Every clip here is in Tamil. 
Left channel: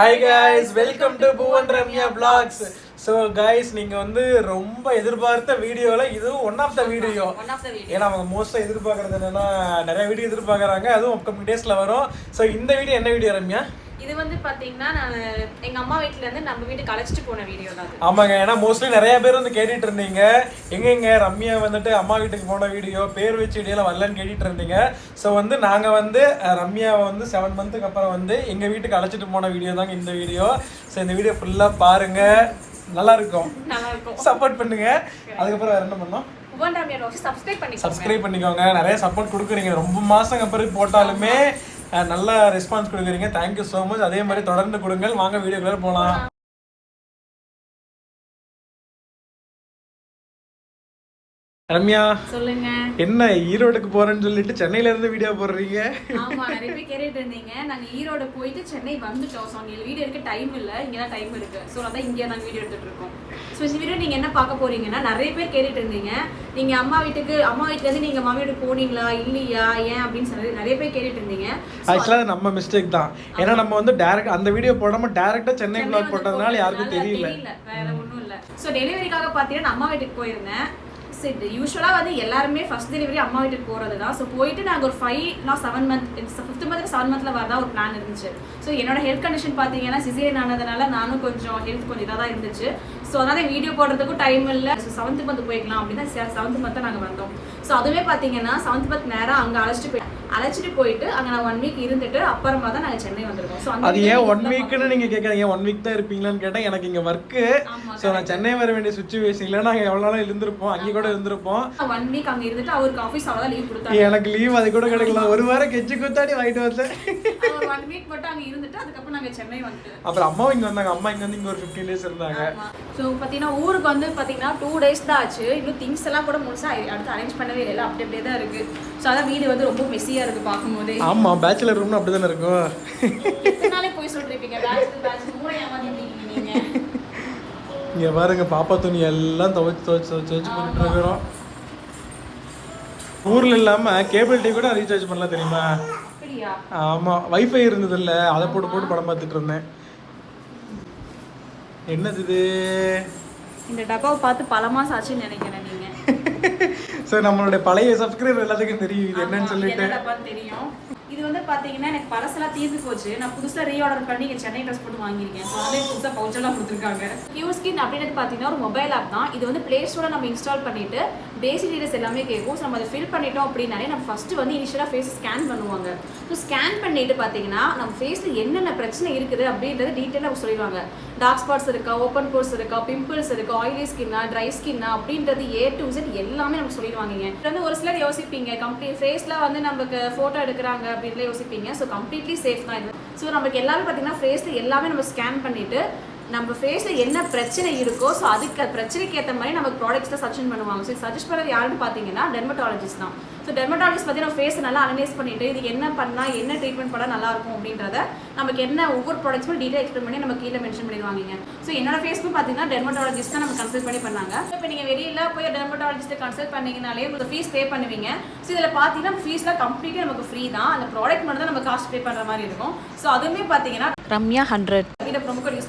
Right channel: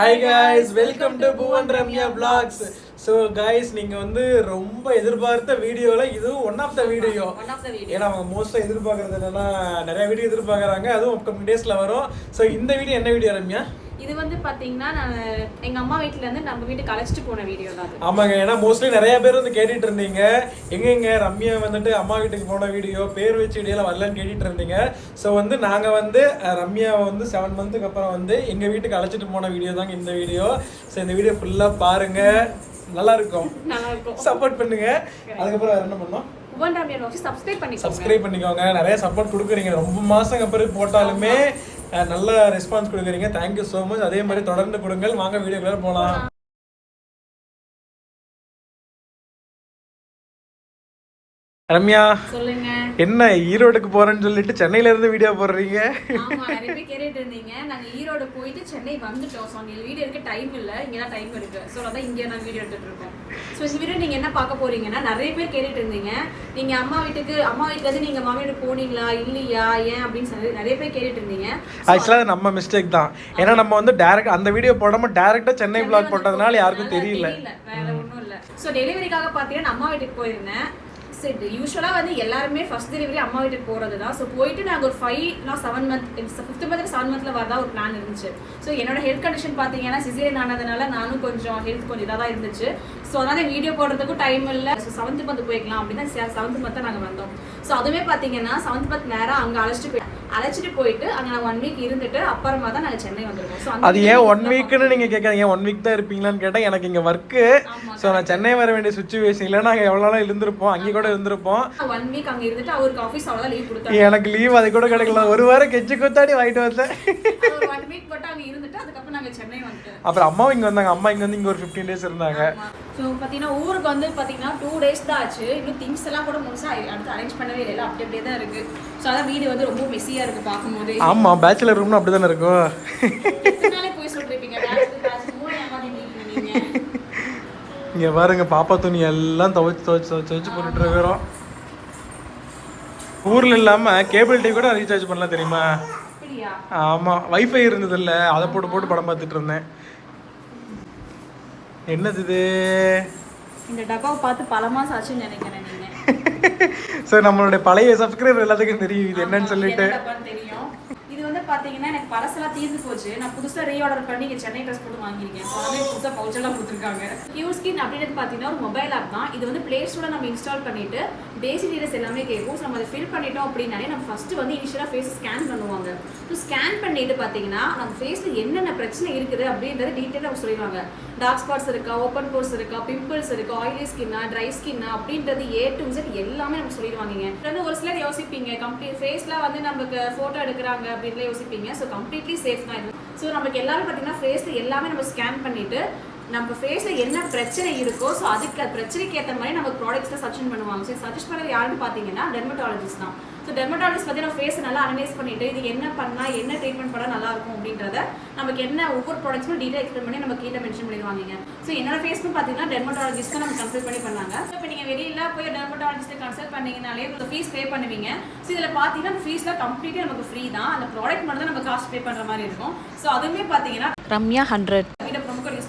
Hi guys welcome to Bhuvan Ramya blogs so guys நீங்க வந்து ரொம்ப எதிர்பார்த்த வீடியோல இதுவும் ஒன் ஆஃப் த வீடியோ. ஏன்னா அவங்க மோஸ்ட்டாக எதிர்பார்க்கறது என்னன்னா நிறைய வீடியோ எதிர்பார்க்கறாங்க. அதுவும் அப்கமிங் டேஸ்ல வரும். ஸோ இந்த வீடியோ என்ன வீடியோ ரம்யா இது வந்து பாத்தீங்கன்னா நான் எங்க அம்மா வீட்ல இருந்து நம்ம வீட்டுக்கு அழைச்சிட்டு போன வீடியோ தான். ஆமாங்க ஏன்னா மோஸ்ட்லி நிறைய பேர் வந்து கேட்டுட்டு இருந்தீங்க. எங்கெங்க ரம்யா வந்துட்டு அம்மா வீட்டுக்கு போன வீடியோ பேர் வச்சு வீடியோலாம் வரலன்னு கேட்டுட்டு இருந்தீங்க. ஸோ வந்து நாங்கள் வந்து ரம்யாவை வந்து செவன் மந்த்துக்கு அப்புறம் வந்து எங்கள் வீட்டுக்கு அழைச்சிட்டு போன வீடியோ தாங்க இந்த வீடியோ ஸோ இந்த வீடியோ ஃபுல்லாக பாருங்க. நல்லா இருக்கும். சப்போர்ட் பண்ணுங்க. அதுக்கப்புறம் வேற என்ன பண்ணோம் சப்ஸ்கிரைப் பண்ணிக்கோங்க. நிறைய சப்போர்ட் கொடுக்குறீங்க. ரொம்ப மாசம் அப்புறம் போட்டாலுமே நல்ல ரெஸ்பான்ஸ் கொடுக்குறீங்க. தேங்க்யூ ஸோ மச் அதே மாதிரி தொடர்ந்து கொடுங்கள். வாங்க வீடியோக்குள்ளே போகலாம் ரம்யா சொல்லுங்க. என்ன ஈரோடுக்கு போறேன்னு சொல்லிட்டு சென்னையில இருந்து வீடியோ போடுறீங்க? ஆமா நிறைய பேர் கேட்டுட்டு இருந்தீங்க. நாங்க ஈரோடு போயிட்டு சென்னை வந்துட்டோம். ஸோ அங்கே வீடியோ எடுக்க டைம் இல்ல. இங்க தான் டைம் இருக்கு. ஸோ அதான் இங்கே நாங்க வீடியோ எடுத்துட்டு இருக்கோம். ஸோ இந்த வீடியோ நீங்க என்ன பார்க்க போறீங்கன்னா நிறைய பேர் கேட்டுட்டு இருந்தீங்க. நீங்க அம்மா வீட்டுக்கு அம்மா வீட்டுல இருந்து நீங்க மாமி வீட்டுக்கு போனீங்களா? இல்லையா? ஏன் அப்படின்னு சொல்லி நிறைய பேர் கேட்டுட்டு இருந்தீங்க. ஆக்சுவலாக அது நம்ம மிஸ்டேக் தான். ஏன்னா நம்ம வந்து டேரக்ட் அந்த வீடியோ போடாம டேரக்டா சென்னை பிளாக் போட்டதுனால யாருக்கும் தெரியல. வேற ஒண்ணும் இல்ல. சோ டெலிவரிக்காக பாத்தீங்கன்னா அம்மா வீட்டுக்கு போயிருந்தேன். சரி யூஸ்வலாக வந்து எல்லாருமே ஃபர்ஸ்ட் டெலிவரி அம்மா வீட்டுக்கு போகிறது தான் ஸோ போயிட்டு நாங்கள் ஒரு ஃபைவ் நான் seven month fifth month seven மந்த்தில் வரதா ஒரு பிளான் இருந்துச்சு. ஸோ என்னோட ஹெல்த் கண்டிஷன் பார்த்தீங்கன்னா சிசேரியன் ஆனதுனால நானும் கொஞ்சம் ஹெல்த் கொஞ்சம் இதாக தான் இருந்துச்சு. ஸோ அதனால வீடியோ போடுறதுக்கும் டைம் இல்லை. ஸோ செவன்த் மந்த் போய்க்கலாம் அப்படின்னு செவன்த் மந்த் நாங்கள் வந்தோம். ஸோ அதுவுமே பார்த்தீங்கன்னா செவன்த் மந்த் நேரம் அங்கே அழைச்சிட்டு போய் அழைச்சிட்டு போயிட்டு அங்கே நான் ஒன் வீக் இருந்துட்டு அப்புறமா தான் நாங்கள் சென்னை வந்திருக்கோம். அது ஏன் ஒன் வீக்னு நீங்க கேட்காதீங்க. ஒன் வீக் தான் இருப்பீங்களான்னு கேட்டா எனக்கு இங்க ஒர்க்கு ஸோ நான் சென்னை வர வேண்டிய சுச்சுவேஷன் இல்லை. நாங்கள் எவ்வளோ நாள் இருந்திருப்போம். அங்கே கூட இருந்திருப்போம். ஒன் வீக் அங்க இருந்துட்டு அவருக்கு ஆஃபீஸ் அவ்வளோதான் லீவ் கொடுத்தாங்க. எனக்கு லீவ் அது கூட கிடைக்கல. ஒரு வாரம் கெச்சு குத்தாடி வாங்கிட்டு வந்தேன். ஒன் வீக் மட்டும் அங்க இருந்துட்டு அதுக்கப்புறம் நாங்க சென்னை வந்துட்டோம். அப்புறம் அம்மாவும் இங்க வந்தாங்க. அம்மா இங்க வந்து இங்க ஒரு ஃபிஃப்டீன் டேஸ் இருந்தாங்க. ஸோ பார்த்தீங்கன்னா ஊருக்கு வந்து பார்த்தீங்கன்னா டூ டேஸ் தான் ஆச்சு. இன்னும் திங்ஸ் எல்லாம் கூட முழுசா அடுத்து அரேஞ்ச் பண்ணவே இல்லை. அப்படி அப்படியே தான் இருக்கு. ஸோ அதான் வீடு வந்து ரொம்ப மெஸ்ஸியாக இருக்கு பார்க்கும்போது. ஆமா பேச்சுலர் ரூம்னு அப்படிதானே இருக்கும். எத்தனை போய் பேச்சுலர் மூணு நீங்க இங்க பாருங்க பாப்பா துணி எல்லாம் துவைச்சு துவைச்சு துவைச்சு துவைச்சு போட்டுட்டு இருக்கிறோம். ஊர்ல இல்லாம கேபிள் டிவி கூட ரீசார்ஜ் பண்ணலாம் தெரியுமா? ஆமா வைஃபை இருந்தது இல்ல அதை போட்டு போட்டு படம் பார்த்துட்டு இருந்தேன். என்னது இது? இந்த டப்பாவை பார்த்து பல மாசம் ஆச்சுன்னு நினைக்கிறேன் ஸோ நம்மளுடைய பழைய சப்ஸ்கிரைபர் எல்லாத்துக்கும் தெரியும் இது என்னன்னு சொல்லிட்டு. தெரியும். இது வந்து பாத்தீங்கன்னா எனக்கு பழசெல்லாம் தீர்ந்து போச்சு. நான் புதுசா ரீஆர்டர் பண்ணி இங்க சென்னை ட்ரெஸ் போட்டு வாங்கியிருக்கேன். ஸோ அதே புதுசா பவுச் எல்லாம் கொடுத்துருக்காங்க. கியூ ஸ்கின் அப்படின்றது பாத்தீங்கன்னா ஒரு மொபைல் ஆப் தான். இது வந்து பிளே ஸ்டோர்ல நம்ம இன்ஸ்டால் பண்ணிட்டு பேசிக் டீடைல்ஸ் எல்லாமே கேட்கும். ஸோ நம்ம அதை ஃபில் பண்ணிட்டோம் அப்படின்னாலே நம்ம ஃபர்ஸ்ட் வந்து இனிஷியலா ஃபேஸ் ஸ்கேன் பண்ணுவாங்க. ஸோ ஸ்கேன் பண்ணிட்டு பாத்தீங்கன்னா நம்ம ஃபேஸ்ல என்னென்ன பிரச்சனை இருக்குது அப்படின்றத டீட்டெயிலாக சொல்லிடுவாங்க. டார்க் ஸ்பாட்ஸ் இருக்கா ஓப்பன் போர்ஸ் இருக்கா பிம்பிள்ஸ் இருக்கா ஆயிலி ஸ்கின்னா ட்ரை ஸ்கின்னா அப்படின்றது ஏ டு Z எல்லாமே நமக்கு சொல்லிடுவாங்க வந்து ஒரு சிலர் யோசிப்பீங்க. கம்ப்ளீட் ஃபேஸ்லாம் வந்து நமக்கு ஃபோட்டோ எடுக்கிறாங்க அப்படின்னு வீட்டில் யோசிப்பீங்க. ஸோ கம்ப்ளீட்லி சேஃப் தான் இது. ஸோ நமக்கு எல்லாமே பார்த்தீங்கன்னா ஃபேஸ்ல எல்லாமே நம்ம ஸ்கேன் பண்ணிட்டு நம்ம ஃபேஸ்ல என்ன பிரச்சனை இருக்கோ ஸோ அதுக்கு பிரச்சனைக்கு ஏற்ற மாதிரி நமக்கு ப்ராடக்ட்ஸ் தான் சஜஷன் பண்ணுவாங்க. ஸோ சஜஸ்ட் பண்ணுறது யாருன்னு பார்த்தீங்கன்னா டெர்மட்டாலஜிஸ்ட் தான். ஸோ டெர்மட்டாலஜிஸ்ட் பற்றி நம்ம ஃபேஸை நல்லா அனலைஸ் பண்ணிட்டு இது என்ன பண்ணால் என்ன ட்ரீட்மெண்ட் பண்ணால் நல்லா இருக்கும் அப்படின்றத நமக்கு என்ன ஒவ்வொரு ப்ராடக்ட்ஸும் டீட்டெயில் எக்ஸ்பிளைன் பண்ணி நம்ம கீழே மென்ஷன் பண்ணிடுவாங்க ஸோ என்னோட ஃபேஸ்க்கும் பார்த்தீங்கன்னா டெர்மட்டாலஜிஸ்ட் தான் நம்ம கன்சல்ட் பண்ணி பண்ணாங்க. இப்போ நீங்கள் வெளியில போய் டெர்மட்டாலஜிஸ்ட்டை கன்சல்ட் பண்ணீங்கனாலே உங்களுக்கு ஃபீஸ் பே பண்ணுவீங்க. ஸோ இதில் பார்த்தீங்கன்னா ஃபீஸ்லாம் கம்ப்ளீட்டாக நமக்கு ஃப்ரீ தான். அந்த ப்ராடக்ட் மட்டும் தான் நம்ம காஸ்ட் பே பண்ணுற மாதிரி இருக்கும். ஸோ அதுவுமே பார்த்தீங்கன்னா ரம்யா ஹண்ட்ரட்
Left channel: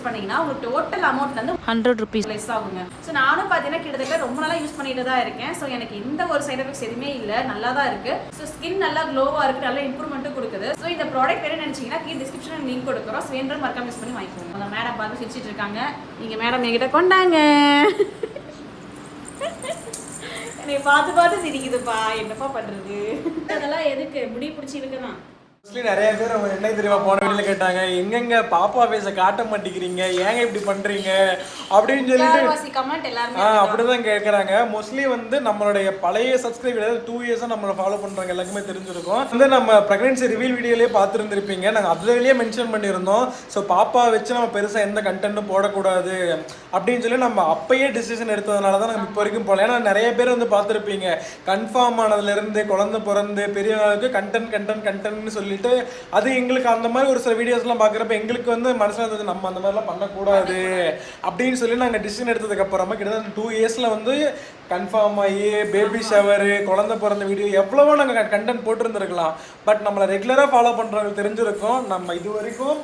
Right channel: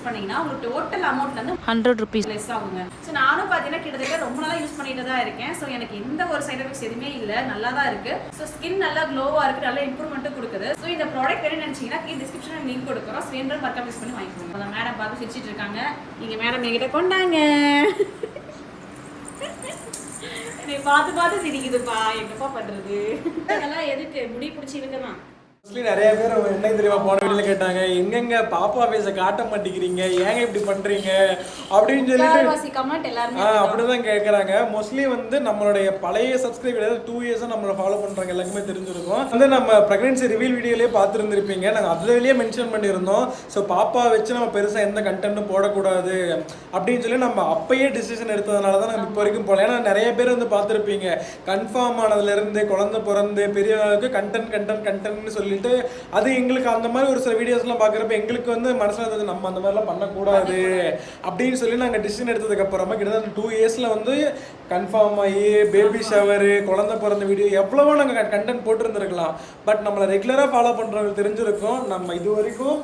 யூஸ் பண்ணீங்கன்னா உங்களுக்கு டோட்டல் அமௌண்ட் வந்து ஹண்ட்ரட் ருபீஸ் லெஸ் ஆகுங்க. ஸோ நானும் பார்த்தீங்கன்னா கிட்டத்தட்ட ரொம்ப நாளாக யூஸ் பண்ணிட்டு தான் இருக்கேன். ஸோ எனக்கு எந்த ஒரு சைட் எஃபெக்ட்ஸ் எதுவுமே இல்லை. நல்லா தான் இருக்கு. ஸோ ஸ்கின் நல்லா க்ளோவாக இருக்கு. நல்ல இம்ப்ரூவ்மெண்ட்டும் கொடுக்குது. ஸோ இந்த ப்ராடக்ட் வேணும் நினைச்சீங்கன்னா கீழ் டிஸ்கிரிப்ஷன் லிங்க் கொடுக்குறோம். ஸோ வேணும் மறக்காம யூஸ் பண்ணி வாங்கிக்கோங்க. அந்த மேடம் பார்த்து சிரிச்சிட்டு இருக்காங்க. நீங்க மேடம் என்கிட்ட கொண்டாங்க. என்னை பார்த்து பார்த்து சிரிக்குதுப்பா. என்னப்பா பண்றது? அதெல்லாம் எதுக்கு? முடி பிடிச்சி இருக்குதான் மோஸ்ட்லி நிறைய பேர் அவங்க என்ன தெரியுமா போன வீடியோல கேட்டாங்க எங்கெங்க பாப்பா ஃபேஸை காட்ட மாட்டேங்கிறீங்க? ஏங்க இப்படி பண்றீங்க? அப்படின்னு சொல்லிட்டு ஆ அப்படிதான் கேட்குறாங்க மோஸ்ட்லி வந்து நம்மளுடைய பழைய சப்ஸ்கிரைபர் அதாவது டூ இயர்ஸாக நம்மளை ஃபாலோ பண்ணுறாங்க எல்லாருக்குமே தெரிஞ்சிருக்கும். வந்து நம்ம ப்ரெக்னன்சி ரிவீல் வீடியோலேயே பார்த்துருந்துருப்பீங்க. நாங்கள் அதுலேயே மென்ஷன் பண்ணியிருந்தோம். ஸோ பாப்பா வச்சு நம்ம பெருசாக எந்த கண்டென்ட்டும் போடக்கூடாது அப்படின்னு சொல்லி நம்ம அப்பயே டிசிஷன் எடுத்ததுனால தான் நம்ம இப்போ வரைக்கும் போகல. ஏன்னா நிறைய பேர் வந்து பார்த்துருப்பீங்க. கன்ஃபார்ம் ஆனதுலேருந்து குழந்தை பிறந்து பெரிய ஆளுக்கு கண்டென்ட் கண்டென்ட் கண்டென்ட்னு சொல்லிட்டு அது எங்களுக்கு அந்த மாதிரி ஒரு சில வீடியோஸ்லாம் பார்க்குறப்ப எங்களுக்கு வந்து மனசில் இருந்தது நம்ம அந்த மாதிரிலாம் பண்ணக்கூடாது அப்படின்னு சொல்லி நாங்கள் டிசிஷன் எடுத்ததுக்கு அப்புறமா கிட்டத்தட்ட டூ இயர்ஸில் வந்து கன்ஃபார்ம் ஆகி பேபி ஷவரு குழந்தை பிறந்த வீடியோ எவ்வளவோ நாங்கள் கண்டென்ட் போட்டிருந்துருக்கலாம். பட் நம்மளை ரெகுலராக ஃபாலோ பண்ணுறவங்க தெரிஞ்சிருக்கும். நம்ம இது வரைக்கும்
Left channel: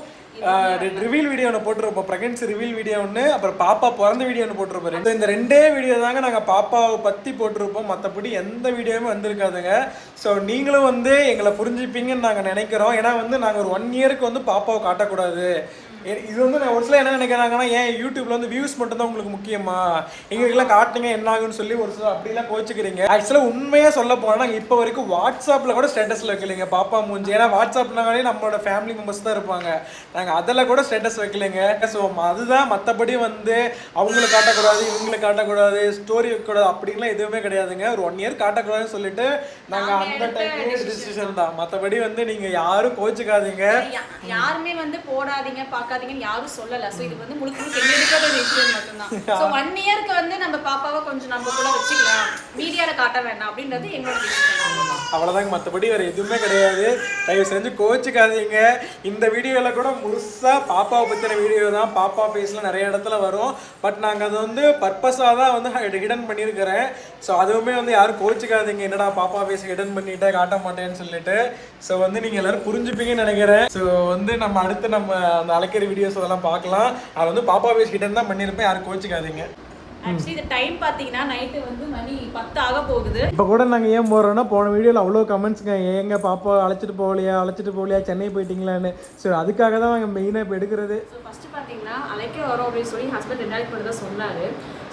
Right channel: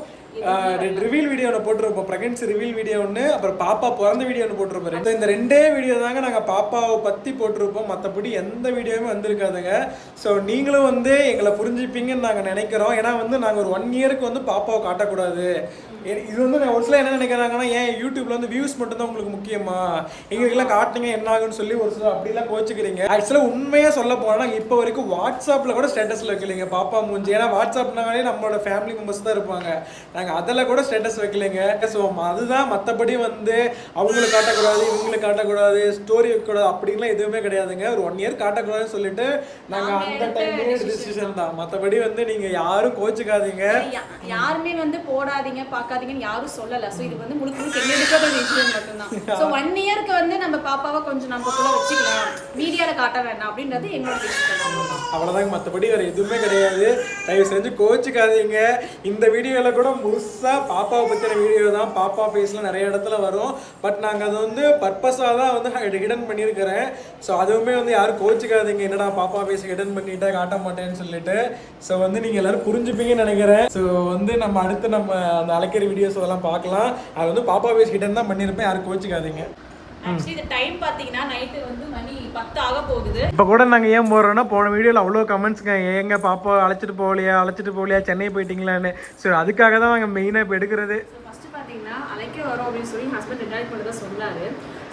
ரிவீல் வீடியோ ஒன்று போட்டிருப்போம். ப்ரெக்னன்சி ரிவீல் வீடியோ ஒன்று அப்புறம் பாப்பா பிறந்த வீடியோ ஒன்று போட்டிருப்போம். ரெண்டு- இந்த ரெண்டே வீடியோ தாங்க நாங்கள் பாப்பாவை பற்றி போட்டிருப்போம். மற்றபடி எந்த வீடியோவுமே வந்திருக்காதுங்க. ஸோ நீங்களும் வந்து எங்களை புரிஞ்சுப்பீங்கன்னு நாங்கள் நினைக்கிறோம். ஏன்னா வந்து நாங்கள் ஒரு ஒன் இயருக்கு வந்து பாப்பாவை காட்டக்கூடாது. இது வந்து நான் ஒரு சில என்ன நினைக்கிறாங்கன்னா ஏன் யூடியூப்ல வந்து வியூஸ் மட்டும் தான் உங்களுக்கு முக்கியமா? எங்களுக்கெல்லாம் காட்டுங்க என்ன ஆகுன்னு சொல்லி ஒரு சில அப்படிலாம் கோச்சிக்கிறீங்க. ஆக்சுவலாக உண்மையாக சொல்ல போனால் நாங்கள் இப்போ வரைக்கும் வாட்ஸ்அப்பில் கூட ஸ்டேட்டஸில் வைக்கலைங்க. பாப்பா மூஞ்சி. ஏன்னா வாட்ஸ்அப்னாலே நம்மளோட ஃபேமிலி மெம்பர்ஸ் தான் இருப்பாங்க. நாங்கள் அதில் கூட ஸ்டேட்டஸ் வைக்கலைங்க. ஸோ அதுதான் மற்றபடி வந்து அவங்களுக்கு காட்டக்கூடாது இவங்களுக்கு காட்டக்கூடாது ஸ்டோரி வைக்கக்கூடாது அப்படின்லாம் எதுவுமே கிடையாதுங்க. ஒரு ஒன் இயர் காட்டக்கூடாதுன்னு சொல்லிட்டு நாங்கள் அந்த டைம்லேயே டிசிஷன் தான் மற்றபடி வந்து நீங்கள் யாரும் கோச்சிக்காதீங்க. யாருமே வந்து போடாதீங்க பார்க்காதீங்கன்னு யாரும் சொல்லல. சோ இது வந்து முழுக்க முழுக்க என்னெடுக்காத ஒரு விஷயம் மட்டும்தான். சோ ஒன் இயர்க்கு வந்து நம்ம பாப்பாவை கொஞ்சம் நமக்குள்ள வச்சுக்கலாம். மீடியால காட்ட வேண்டாம் அப்படின்றது என்னோட அவ்வளோதாங்க மற்றபடி வேறு எதுவுமே கிடையாது. தயவு செஞ்சு கோச்சிக்காதீங்க. இந்த வீடியோவில் கூட முழுசாக பாப்பாவை பற்றின வீடியோ தான். பாப்பா ஃபேஸில் நிறைய இடத்துல வரும். பட் நாங்கள் அதை வந்து பர்பஸாக தான் வந்து ஹிடன் பண்ணியிருக்கிறேன். ஸோ அதுவுமே வந்து யாரும் கோச்சிக்காதீங்க என்னடா பாப்பா ஃபேஸ் ஹிடன் பண்ணிட்டே காட்ட மாட்டேன்னு சொல்லிட்டு. ஸோ வந்து நீங்கள் எல்லோரும் புரிஞ்சுப்பீங்கன்னு நினைக்கிறேன். ஸோ வந்து நம்ம அடுத்து நம்ம அந்த அழைக்கிற வீடியோஸ் அதெல்லாம் பார்க்கலாம். அது வந்து பாப்பா ஃபேஸ் ஹிடன் தான் பண்ணியிருப்பேன். யாரும் கோச்சிக்காதீங்க ஆக்சுவலி இந்த டைம் பாத்தீங்கன்னா நைட்டு வந்து மணி பத்து ஆக போகுது. இப்போ கூட நாங்கள் ஏன் போகிறோன்னா போன வீடியோவில் அவ்வளோ கமெண்ட்ஸுங்க ஏங்க பாப்பா அழைச்சிட்டு போகலையா அழைச்சிட்டு போகலையா சென்னை போயிட்டீங்களான்னு. ஸோ அதுக்காக தான் நாங்கள் மெயினாக இப்போ எடுக்கிறது. ஸோ ஃபஸ்ட்டு பார்த்தீங்கன்னா அழைக்க வரோம் அப்படின்னு சொல்லி ஹஸ்பண்ட் ரெண்டு நாளைக்கு மட்டும் தான் சொன்னார்.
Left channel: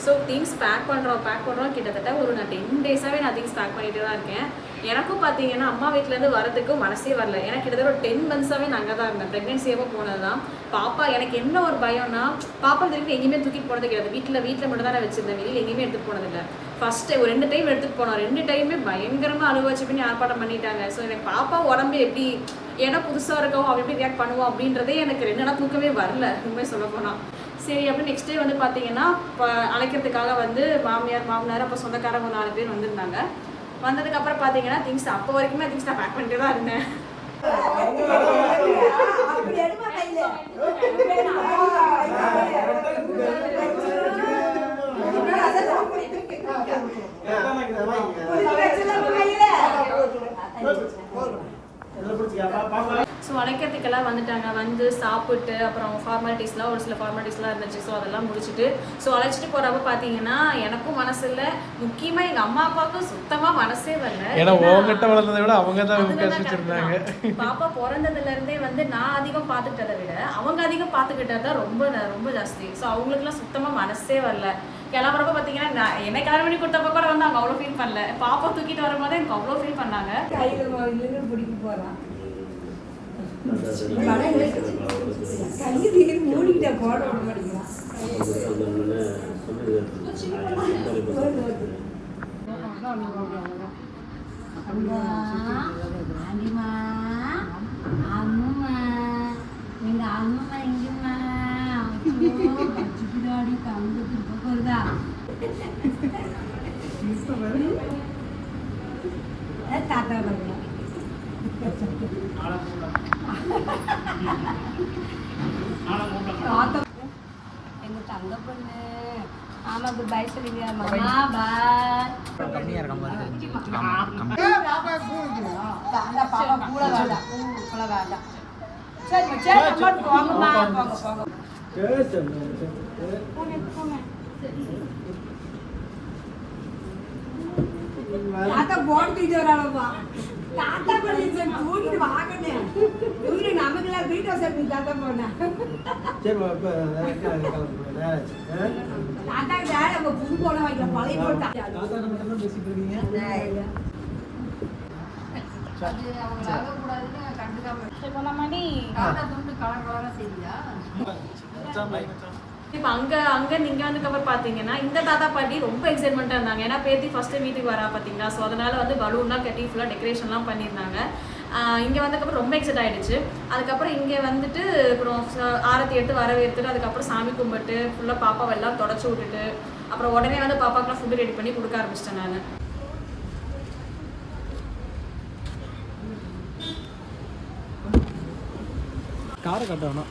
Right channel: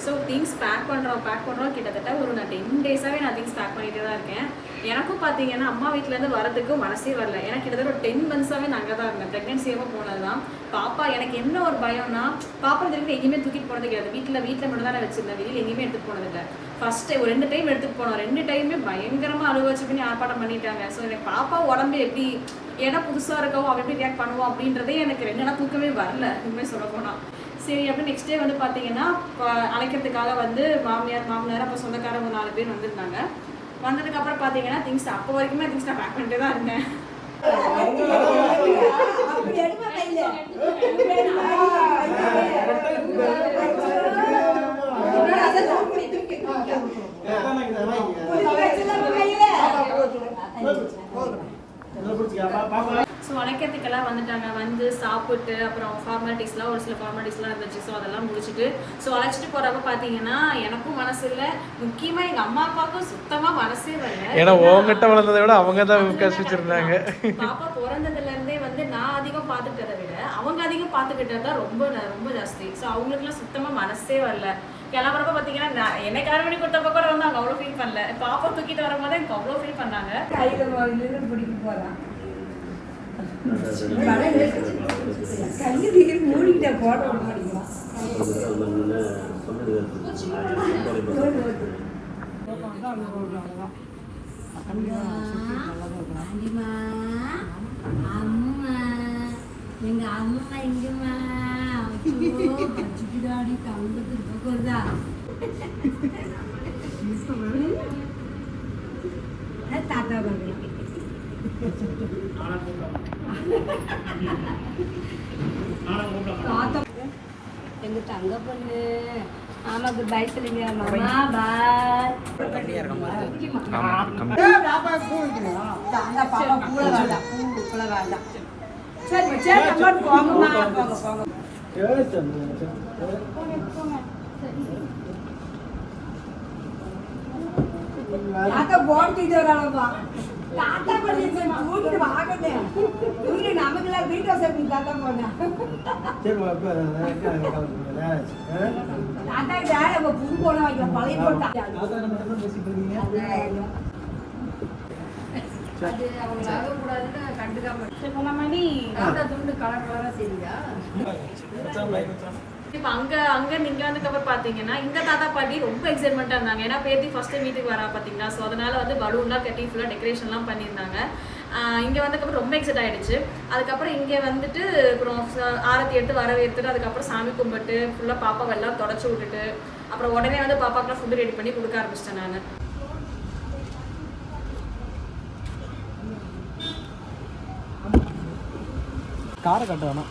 ஸோ திங்ஸ் பேக் பண்ணுறோம் பேக் பண்ணுறோம் கிட்டத்தட்ட ஒரு நான் டென் டேஸாகவே நான் திங்ஸ் பேக் பண்ணிட்டு தான் இருக்கேன். எனக்கும் பார்த்தீங்கன்னா அம்மா வீட்டிலேருந்து வரதுக்கு மனசே வரல. எனக்கு கிட்டத்தட்ட ஒரு டென் மந்த்ஸாகவே நான் அங்கே தான் இருந்தேன். ப்ரெக்னென்சியாக போனது தான் பாப்பா எனக்கு என்ன ஒரு பயம்னா பாப்பா திருப்பி எங்கேயுமே தூக்கிட்டு போனது கிடையாது. வீட்டில் வீட்டில் மட்டும் தான் வச்சிருந்தேன். வெளியில் எங்கேயுமே எடுத்துகிட்டு போனதில்லை ஃபர்ஸ்ட் ஒரு ரெண்டு டைம் எடுத்துகிட்டு போனோம். ரெண்டு டைமே பயங்கரமாக அழுவாச்சு பண்ணி ஆர்ப்பாட்டம் பண்ணிட்டாங்க. ஸோ எனக்கு பாப்பா உடம்பு எப்படி ஏன்னா புதுசாக இருக்கோ அவள் எப்படி ரியாக்ட் பண்ணுவோம் அப்படின்றதே எனக்கு ரெண்டு நாள் தூக்கமே வரல. உண்மையை சொல்ல போனால் சரி அப்படி நெக்ஸ்ட் டே வந்து பார்த்தீங்கன்னா இப்போ அழைக்கிறதுக்காக வந்து மாமியார் மாமனார் அப்போ சொந்தக்காரங்க நாலு பேர் வந்திருந்தாங்க. வந்ததுக்கப்புறம் பார்த்தீங்கன்னா திங்ஸ் அப்போ வரைக்குமே திங்ஸ் நான் பேக் பண்ணிட்டே தான் இருந்தேன். ஸோ அழைக்கிறதுக்கெல்லாம் வந்துட்டாங்க. வந்து சாப்பிட்டு அப்புறம் ஃபார்மாலிட்டிஸ்லாம் ஒரு சில ஃபார்மாலிட்டிஸ்லாம் இருந்துச்சு. ஸோ அதெல்லாம் முடிச்சுட்டு ஸோ அழைச்சிட்டு போகிறப்ப பார்த்தீங்கன்னா எனக்கும் மனசு இல்லை. முக்கியமாக எங்கள் அம்மா அப்பாவுக்கும் சுத்தமாக மனசே வரல. ஏன்னா உங்ககிட்ட வளர்ந்ததை விட அவங்க தான் கஷ்டிச்சிருந்தாங்க. பாப்பா பிறந்ததுல இருந்தே வந்து நான் அதிகம் பார்த்துக்கிட்டதை விட அவங்க அதிகம் பார்த்துக்கிட்டது தான் ரொம்ப ரொம்ப ஜாஸ்தி. ஸோ அவங்களுக்குலாம் சுத்தமா மனசே வரல. கிளம்புறப்ப பார்த்தீங்கன்னா நான் என்னை கல்யாணம் பண்ணி கொடுத்தப்ப கூட வந்து அவங்க அவ்வளோ ஃபீல் பண்ணல. பாப்பா தூக்கிட்டு வரும்போது எனக்கு அவ்வளோ ஃபீல் பண்ணாங்க. கையில பிடிக்க போறான். கையை தீட்டு மூடிக்கிட்ட போட விட மாட்டேங்கிறான் அம்மா அம்மா அம்மா எங்க அம்மா எங்கம்மா ஐயோ பச்சுக்கிடாடி தங்கத்துக்கு போகிறதா தாத்தா பார்க்கலாம் தாத்தா எங்க தங்க பொண்ணு. ஆமாக்கு பாய் சொல்லுங்க. மாமா பாய் அந்த பாப்பா கூட கூட சரி சரி போங்க போங்க தாத்தா பண்ணி தூக்கிட்டு வாங்கண்ணே. தூக்கிட்டு நமக்கெல்லாம் வீட்டு வசதி தாத்தா போனேன் தாத்தா வேலை நம்ம புது போன வைக்கிற பழைய போட்டா அது அவங்க ஆகக்கூடாதுன்னு கண்டுக்காம நீ தாத்தா துண்டு கலர் கலரா சரியா? இப்போ அங்கே அங்கே நீங்கள் வந்ததுக்கப்புறம் பார்த்தீங்கன்னா இந்த தாத்தா பாட்டி ரொம்ப எக்ஸைட்மெண்ட்டாக இருந்தாங்க. ஏன்னா பேத்தி ஃபஸ்ட்டு வீட்டுக்கு வரா பார்த்தீங்களா ஸோ அதனால் வந்து பலூன்லாம் கட்டி ஃபுல்லாக டெக்கரேஷன்லாம் பண்ணியிருந்தாங்க. இங்கே வந்ததுக்கப்புறம் ரொம்ப எக்ஸைட் ஆகிடுச்சு அதுக்கப்புறம் இங்கே வந்துட்டு அப்புறம் ச- ஆரத்தி எடுத்து வரவேற்றுட்டு அதுக்கப்புறம் சாமி கும்பிட்டு ஃபுல்லாக பாப்பாவை எல்லாம் தொடச்சி விட்டுட்டு அப்புறம் உடனே வந்து பாப்பாக்கெலாம் ஃபுட்டு ரெடி பண்ணி கொடுக்க ஆரம்பிச்சிட்டேன் நான். காரை கட்ட வேணாம்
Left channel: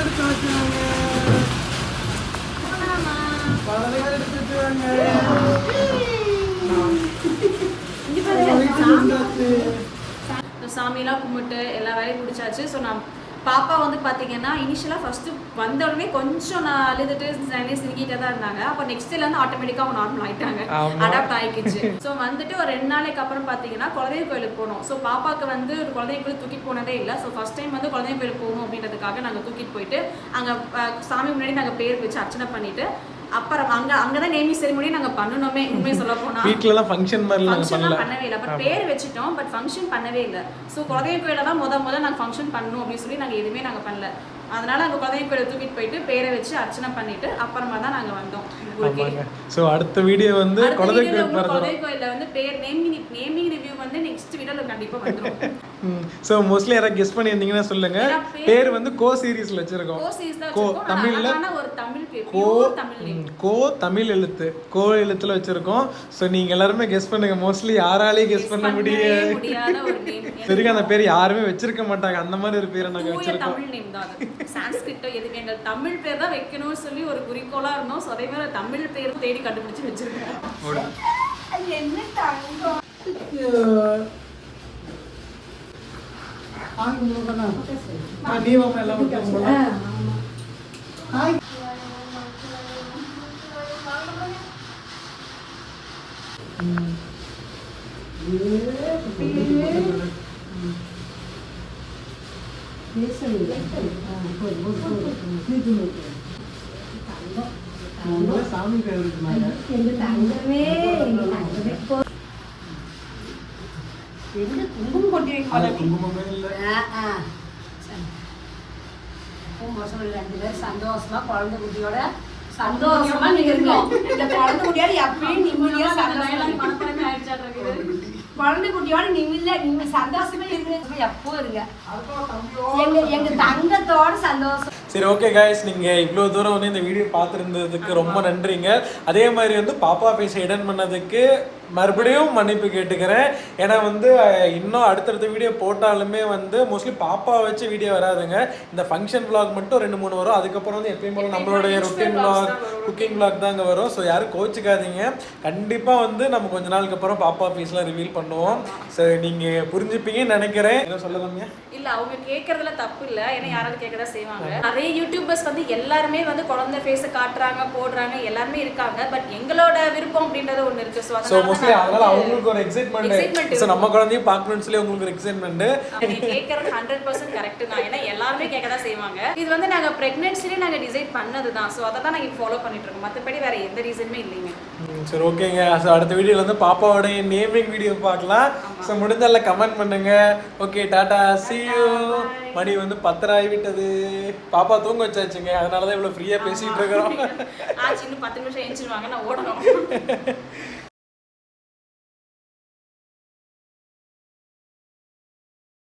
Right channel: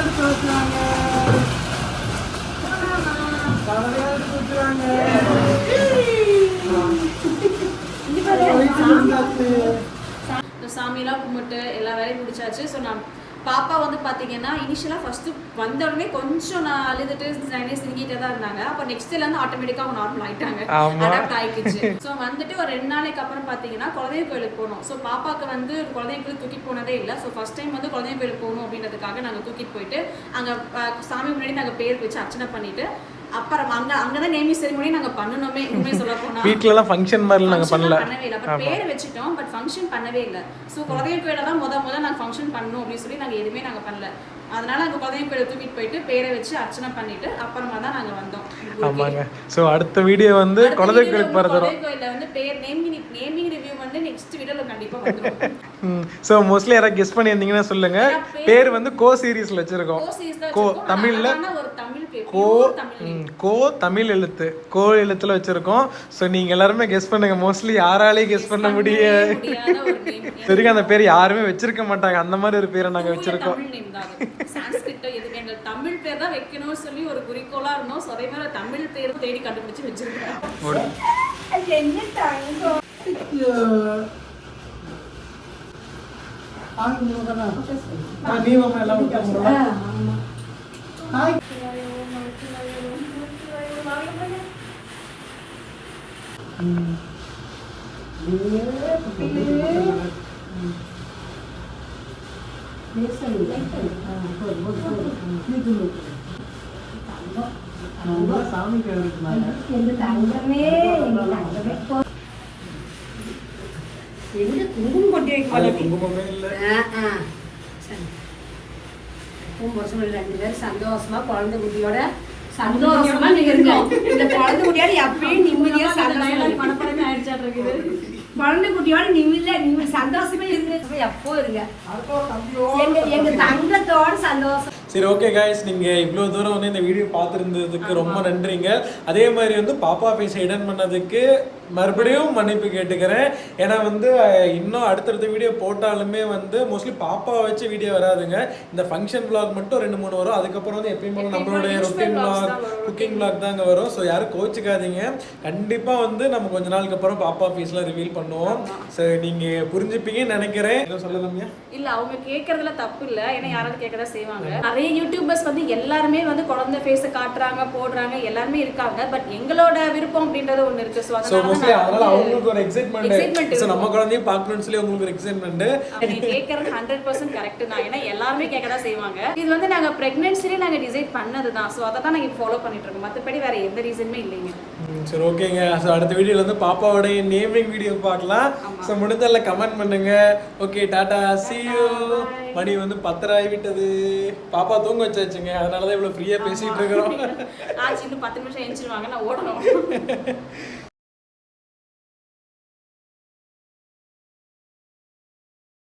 எடுத்து வச்சுவாங்க கவலையா எடுத்து சாமியெல்லாம் கும்பிட்டு எல்லா வேலையும் முடிச்சாச்சு. ஸோ நான் பாப்பா வந்து பார்த்தீங்கன்னா இனிஷியலாக ஃபஸ்ட்டு வந்த உடனே கொஞ்சம் நான் அழுதுட்டு நிறைய சிரிக்கிட்டே தான் இருந்தாங்க. அப்போ நெக்ஸ்ட் இருந்து ஆட்டோமேட்டிக்காக அவங்க நார்மல் ஆயிட்டாங்க. அடாப்ட் ஆயிக்கிச்சு. ஸோ வந்துட்டு ஒரு ரெண்டு நாளைக்கு அப்புறம் பார்த்தீங்கன்னா குழந்தை கோயிலுக்கு போனோம். ஸோ பாப்பாக்கு வந்து குழந்தை கோயில் தூக்கிட்டு போனதே இல்லை. ஸோ ஃபர்ஸ்ட் டைம் வந்து குழந்தை கோயிலுக்கு போகணும் அப்படின்றதுக்காக நாங்கள் தூக்கிட்டு போயிட்டு அங்கே சாமி முன்னாடி நாங்கள் பேர் வச்சு அர்ச்சனை பண்ணிட்டு அப்புறம் அங்கே அங்கே தான் நேமி செரிமோனி நாங்கள் பண்ணணுமே உண்மையை சொல்ல போனால் வீட்ல எல்லாம் ஃபங்க்ஷன் மாதிரி நாங்க பண்ணல. பண்ணவே இல்லை. பட் பேர் வச்சுட்டோம் பட் ஃபங்க்ஷன் பண்ணவே இல்லை. ஸோ குலதெய்வ கோயில தான் முத முத நாங்கள் ஃபங்க்ஷன் பண்ணணும் அப்படின்னு சொல்லி நாங்கள் எதுவுமே நாங்கள் பண்ணல. அதனால அங்கே குலதெய்வ கோயிலை தூக்கிட்டு போயிட்டு பேரை வச்சு அர்ச்சனை பண்ணிட்டு அப்புறமா தான் நாங்கள் வந்தோம். ஆமாங்க. ஸோ அடுத்த வீடியோ வந்து கோயிலுக்கு வந்து போகிறதும் குலதெய்வ கோயில்ல வந்து பேர் நேமிங் நேமிங் ரிவ்யூ வந்து நெக்ஸ்ட் வீடியோல கண்டிப்பா வந்துரும். ஸோ மோஸ்ட்லி யாராவது கெஸ் பண்ணியிருந்தீங்கன்னா சொல்லுங்க. பேர் வந்து கோ சீரீஸ்ல வச்சிருக்கோம். கோ தான் கோ. தமிழ்ல ஒரு தமிழ் பேர் கோ கோ தமிழ் எழுத்து. கோ எழுத்துல வச்சிருக்கோம். ஸோ நீங்க எல்லாருமே கெஸ் பண்ணுங்க. மோஸ்ட்லி யாராலையும் கெஸ் பண்ண முடியாத. சரிங்க அந்த பேர் யாருமே வச்சிருக்க மாட்டாங்க. அந்த மாதிரி ஒரு பேரை நாங்க வச்சிருக்கோம். தமிழ் நேம் தான் அது. சான்ஸ்கிரிட்டோ எதுவுமே எங்கள் தமிழ் பேர் தான் வைக்கணும்னு சொல்லி ஒரு குறிக்கோளா இருந்தோம். ஸோ அதே மாதிரி ஒரு தமிழ் பேர் தேடி கண்டுபிடிச்சு வச்சிருக்கோம். அது என்ன தங்கம் எங்க தங்கமே எங்க தங்கமே போ- உன் புருஷன் ரெண்டு பேரும் சந்தோஷமா குழந்தை குட்டியோட சந்தோஷமா நீங்க இருங்க இந்த குழந்தை குட்டியோட எப்பயும் நிம்மதியா சந்தோஷமா மனப்படமே ஆயிடுச்சாட்டு குழந்தை குட்டியோட நிம்மதியா நிம்மதி சந்தோஷமா இருக்கு. எப்போ இருங்க எங்க எங்க தங்கத்தோட சந்தோஷம். சரி ஓகே காய்ஸ் நீங்கள் இவ்வளோ தூரம் வந்து இந்த வீடியோ பார்த்துருந்ததுக்கு ரொம்ப நன்றிங்க. அதே மாதிரி வந்து பாப்பா பேச இடன் பண்ணதுக்கு மறுபடியும் மன்னிப்பு கேட்டுக்கிறேன். ஏன்னா வந்து இன்னும் அடுத்தடுத்த வீடியோ போட்டாலுமே வந்து மோஸ்ட்லி பாப்பா வச்சு வீடியோ வராதுங்க. இந்த ஃபங்க்ஷன் vlog மட்டும் ரெண்டு மூணு வரும். அதுக்கப்புறம் வந்து எப்பயும் போல நம்மளுடைய ரொட்டீன் vlog குக்கிங் vlog தாங்க வரும். ஸோ யாரும் கோச்சிக்காதீங்க கண்டிப்பாக வந்து நம்ம கொஞ்ச நாளுக்கு அப்புறம் பாப்பா ஃபீஸ்லாம் ரிவீல் பண்ணுவோம். ஸோ நீங்கள் புரிஞ்சுப்பீங்கன்னு நினைக்கிறேன். என்ன சொல்லலாமியா இல்ல அவங்க கேக்குறதுல தப்பு இல்ல. ஏன்னா யாராவது கேட்கதான் செய்வாங்க. நிறைய யூடியூபர்ஸ் வந்து எல்லாருமே வந்து குழந்தை ஃபேஸ் காட்டுறாங்க போடுறாங்க எல்லாருமே இருக்காங்க. பட் எங்களோட விருப்பம் அப்படின்றது ஒண்ணு இருக்கு. ஸோ ஸோ மோஸ்ட்லி அதனால அவங்களுக்கு ஒரு எக்ஸைட்மெண்ட் ஸோ நம்ம குழந்தையும் பார்க்கணும்னு சொல்லி உங்களுக்கு ஒரு எக்ஸைட்மெண்ட் கேட்கறது ஹண்ட்ரட் பர்சன்ட் கரெக்ட் தான். ஏன்னா எல்லாருமே கேட்க தான் செய்வாங்க. இது வந்து நாங்க பிரெக்னன்சிலே நாங்க டிசைட் பண்ணது தான் ஸோ அதை தான் நாங்க ஃபாலோ பண்ணிட்டு இருக்கோம் மற்றபடி வேற எந்த ரீசனுமே இல்லைங்க. சரி ஓகேங்க. ஸோ அடுத்த வீடியோல வந்து பாப்பாவோடைய நேமிங் வீடியோ பார்க்கலாம். ஸோ முடிஞ்சதில் கமெண்ட் பண்ணுங்க. Okay tata see you. மணி வந்து பத்தரை ஆகிவிட்டது பாப்பா தூங்க வச்சாச்சுங்க. அதனால தான் இவ்வளோ ஃப்ரீயாக பேசிகிட்டு இருக்கிறோம். பத்து நிமிஷம் நான் ஓடணும்.